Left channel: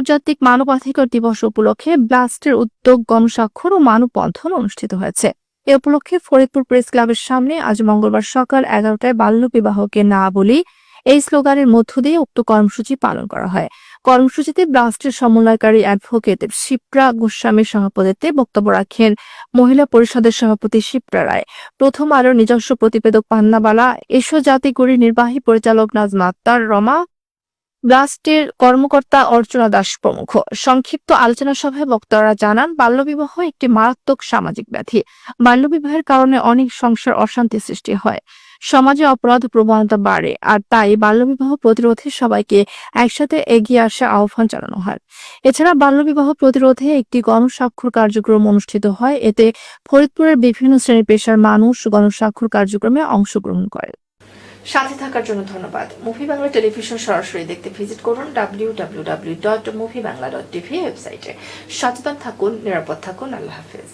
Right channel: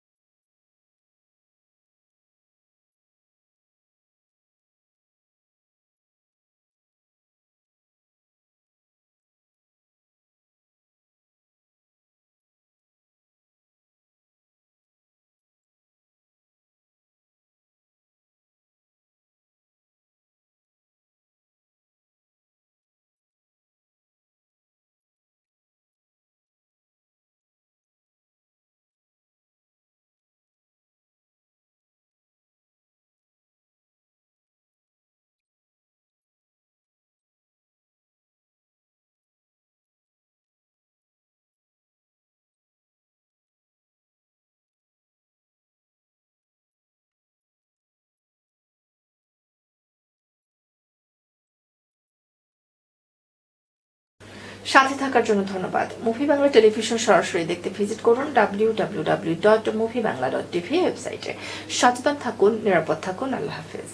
আন্তর্জাতিক মানবাধিকার দিবস উপলক্ষে ব্লাস্টের উদ্যোগ গণস্বাক্ষর ও মানববন্ধন অনুষ্ঠিত হয়েছে। এ উপলক্ষে ফরিদপুর প্রেস ক্লাবের সামনে আজ মঙ্গলবার সকাল 11টায় বাল্য বিবাহকে না বলি এই স্লোগানের মধ্য দিয়ে উক্ত কর্মসূচি পালন করা হয়। কর্মসূচিতে ব্লাস্টের সমন্বয়কারী অ্যাডভোকেট শিপ্রা গোস্বামীর সভাপতিত্বে বক্তব্য রাখেন মহিলা পরিষদের সভাপতি শিপ্রা রায়, প্রথম আলোর নিজস্ব প্রতিবেদক পান্নাবালা, এসো জাতি গড়ি নির্বাহী পরিচালক নাজমা আক্তার রমা, ব্লাস্টের কর্মকর্তা অর্চনা দাস প্রমুখ। সংক্ষিপ্ত আলোচনা সভায় বক্তারা জানান, বাল্যবিবাহ একটি মারাত্মক সামাজিক ব্যাধি। বাল্যবিবাহের কারণে অনেক সংসার অশান্তি সৃষ্টি হয়, সমাজে অপরাধ প্রবণতা বাড়ে, আর তাই বাল্যবিবাহ প্রতিরোধে সবাইকে একসাথে এগিয়ে আসা আহ্বান জানানো হয়। এছাড়া বাল্যবিবাহ প্রতিরোধে একটি গণস্বাক্ষর কার্যক্রম অনুষ্ঠিত হয়। এতে ফরিদপুরের বিভিন্ন শ্রেণী পেশার মানুষ গণস্বাক্ষর কার্যক্রমে অংশগ্রহণ করে। সাথে থাকার জন্য ধন্যবাদ। মুভি বাংলা টেলিভিশন সরাসরি দেখতে ভিজিট করুন www.moviebangla.tv ওয়েবসাইটে। সচেতন থাকুন, নিরাপদ থাকুন। আল্লাহ হাফেজ।